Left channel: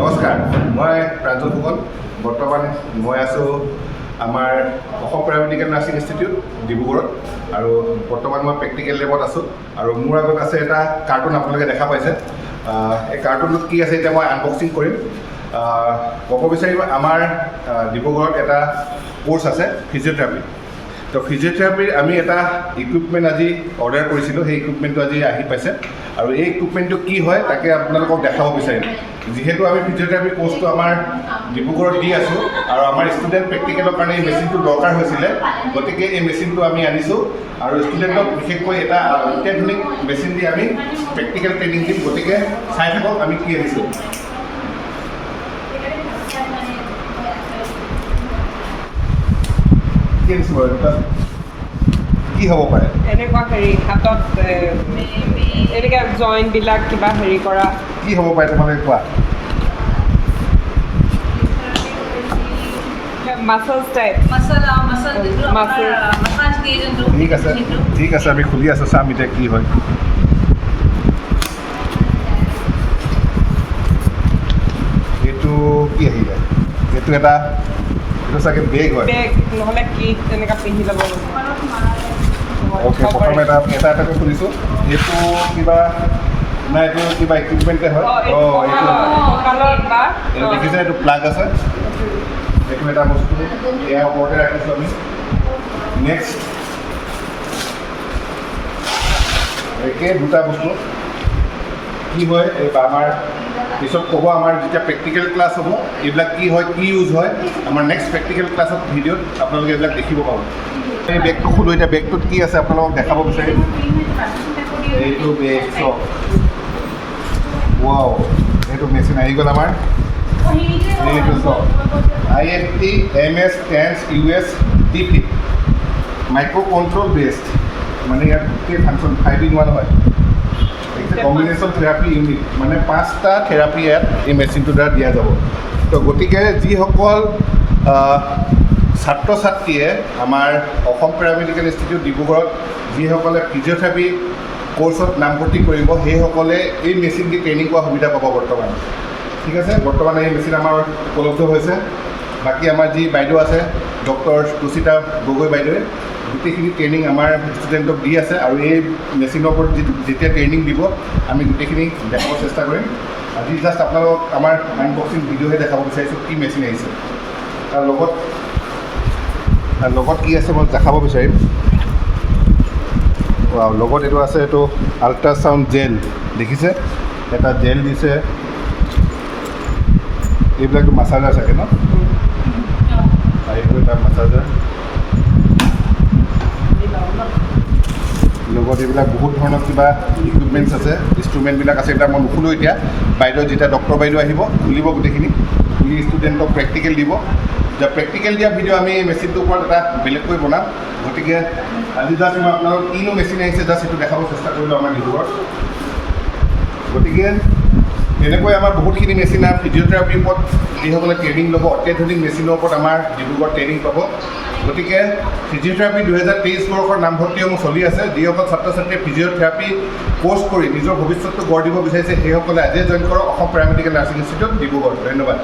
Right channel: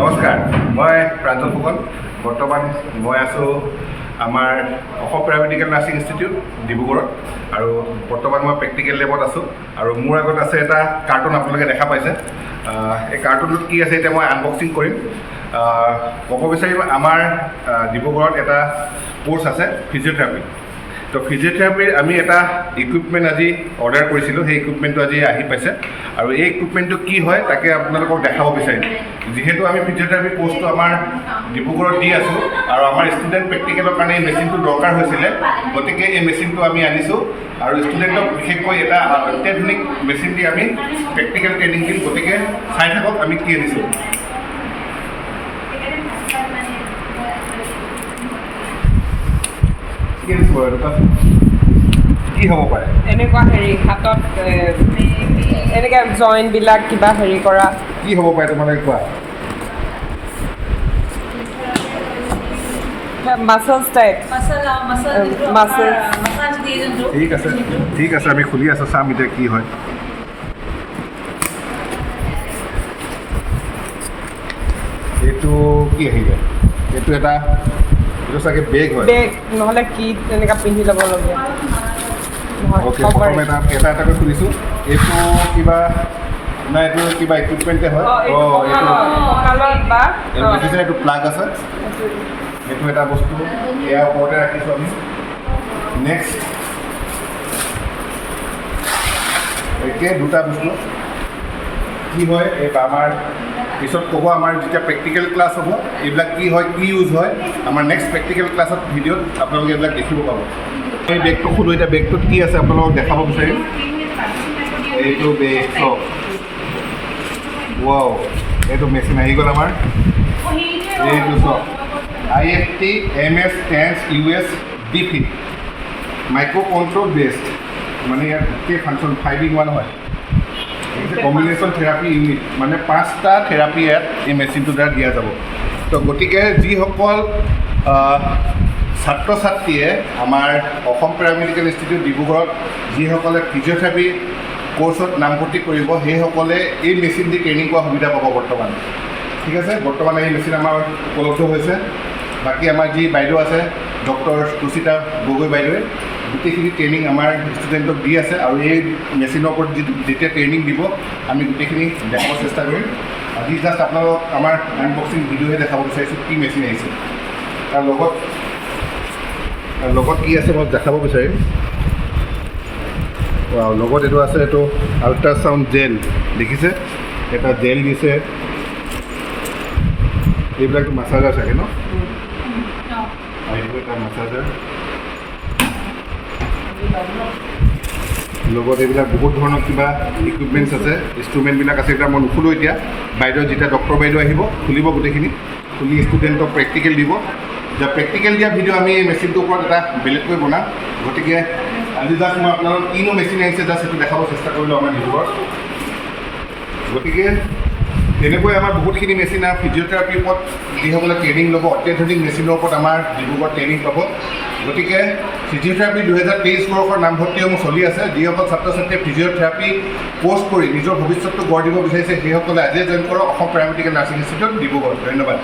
নমস্কাৰ, মই প্ৰাঞ্জল ফুকন। বৰ্তমান মই আছোঁ আমাৰ অসম পেৰামেডিকেল নাৰ্ছিং ইনষ্টিটিউট ডিব্ৰুগড়ত আৰু বৰ্তমান মই প্ৰেক্টিকেল লেবত আছোঁ আৰু মোৰ আগত আছে এটা কাৰ্টুন আপোনালোকে দেখা পাইছে। এই কাৰ্টুনটোত কি আছে এতিয়া মই আনবক্সিং কৰিম। ক'ব বিচাৰিম আমাৰ ডিব্ৰুগড়ত এটা কোৰ্চ আছে ফিজিঅ'থেৰাপি। তো ফিজিঅ'থেৰাপিৰ আমি এটা ইকুইপমেণ্ট আজি অৰ্ডাৰ কৰিছিলোঁ, সেই ইকুইপমেণ্টটো আজি আহি পাইছে আৰু এই ইকুইপমেণ্টটো কি হয় তাকে আপোনালোকক দেখাব বিচাৰিম। যিহেতু আমি ফিজিঅ'থেৰাপি কোৰ্চটো আমাৰ ডিব্ৰুগড়ত দি আছোঁ আৰু আমাৰ ষ্টুডেণ্ট প্ৰেক্টিকেলৰ কাৰণে এই মেচিনটো দৰকাৰ হৈছিলে, গতিকে এই মেচিনটো আমি আনিছোঁ আৰু ষ্টুডেণ্টক বিশেষকৈ এটা অত্যাধুনিক মেচিন দি আমি প্ৰেক্টিকেল ট্ৰেইনিং দিম। গতিকে চাই থাকক আমি কি আনিছোঁ। কি হ'ব পাৰে এনেকুৱা হেৰি হাতত এনেকৈ জইণ্টবিলাক কিবা হেৰি কৰা কি হ'ব পাৰে তোমালোকে কোৱা? মাছলছ টাইপ ঠিক আছে আমি খুলি আছোঁ, চাম এতিয়া কি হয়। এইটো কি আহিলে? এইটো চাগে বেগ হয়। বেগ নহ'লে কি তেনেকৈ পিন্ধি ল'ব লাগিব। অ'কে, প্ৰথমে এটাকৈ খুলিছোঁ। এইটো কিবা নাই, এইটো কিবা ইকুইপমেণ্টে হয়। এইটো দেখিছে, এইটো প্লাগ আছে। এইটো এটা বস্তু ইয়াৰ ওপৰতে ৰাখিছোঁ আমি। নেক্সট একে দুটা বস্তু কি হয় এই আমাৰ পিছত ক'ব। আমাৰ যেতিয়া প্ৰেক্টিকেল ক্লাছ হ'ব এইবিলাক কি হয়, কি ইউজ হয়, আমাৰ নেক্সট প্ৰেক্টিকেল ক্লাছত ভিডিঅ'ত আপোনালোকে এইবিলাক দেখিব পাব। এই বেগটো খোলোঁ। এতিয়া বেগটোত কি আছে আপোনালোকক দেখাব বিচাৰিম। এইটো বেগ চক, ৱাও, এইটো মেচিন আহি গ'ল আমাৰ। এইটো চক IFT MS tense US DP micro' control best, মানে ইয়াত গোটেই ফাংচন 5-in-1 হয়। কম্বিনেশ্যন থেৰাপি ইউনিট, মানে 5টা থেৰাপি ইয়াত এই মেচিনটোৰ দ্বাৰা দিয়া যাব। তো গতিকে যিসকল ছাত্ৰ ছাত্ৰীয়ে আমাৰ অসম পেৰামেডিকেল ইনষ্টিটিউট ডিব্ৰুগড়ত যিসকলে ফিজিঅ'থেৰাপি কোৰ্চত নামভৰ্তি কৰিব, সেইসকলে এই মেচিন দি ট্ৰেইনিং কৰা সুবিধা পাব বৰ্তমান। ঠিক আছে, বৰ্তমান এই মেচিন আমাৰ উপলব্ধ হৈছে। বাকী আমাৰ যি বাইদেউ আছে ডক্টৰ সুচিতা গগৈ বাইদেৱে গোটেইখিনি ট্ৰেইনিং আমাৰ ষ্টুডেণ্টক দি আছে আৰু এই মেচিনৰ ওপৰত যেতিয়া ট্ৰেইনিং দিব আমি গোটেইখিনি দেখাব চেষ্টা কৰিম। আজি জাষ্ট আপোনালোকক আমাৰ আনবক্সিং ভিডিঅ'হে দেখাব বিচাৰিছোঁ কি মেচিন আহিছে। তাৰ লগত কি আছে মই দেখাব বিচাৰিম। লগত এইটো আছে, এইটো আল্ট্ৰাচাউণ্ড জেল দেখিছে, এটা জেল দিছে। এইবিলাকতো মাছাজাৰ চাগে ন? এইটো এটা মাছাজাৰ। লগত এইবিলাক বহুত ধৰণৰ কিবা ইকুইপমেণ্টছ আছে, ইনষ্ট্ৰুমেণ্টবিলাক আছে। এইবিলাক মই নুখুলোঁ এতিয়া। বাইদেউ যেতিয়া ডক্টৰ বাইদেউ আহিব খুলিব গোটেইখিনি, খুলি ষ্টুডেণ্টক প্ৰেক্টিকেল দিব। এতিয়া প্ৰেক্টিকেল দিয়া ভিডিঅ' আমি এই মেচিনটোৰ ওপৰত এটা বেলেগকৈ বনাম। গতিকে আজি জাষ্ট মই আপোনালোকক কিনো মেচিন আহিছে জাষ্ট সেইটো দেখাব চেষ্টা কৰিলোঁ আমাৰ ডিব্ৰুগড়ত। গতিকে তেনেকৈ আমাৰ বহুতখিনি মেচিন আৰু ফিজিঅ'থেৰাপিৰ ওপৰত যিসকলে ট্ৰেইনিং ল'ব, অত্যাধুনিক মেচিনৰ ওপৰত আমাৰ ডিব্ৰুগড়ত ট্ৰেইনিং পাব। গতিকে ফিজিঅ'থেৰাপি 2023 বৰ্ষৰ নামভৰ্তিসমূহ চলি আছে। যিসকল ছাত্ৰ ছাত্ৰীয়ে ফিজিঅ'থেৰাপি কোৰ্চ কৰি নিজৰ ভৱিষ্যতটো গঢ় দিব বিচাৰিছে সেইসকলে আজিয়ে জইন কৰক Assam paramedical nursing institute Dibrugarh. ধন্যবাদ।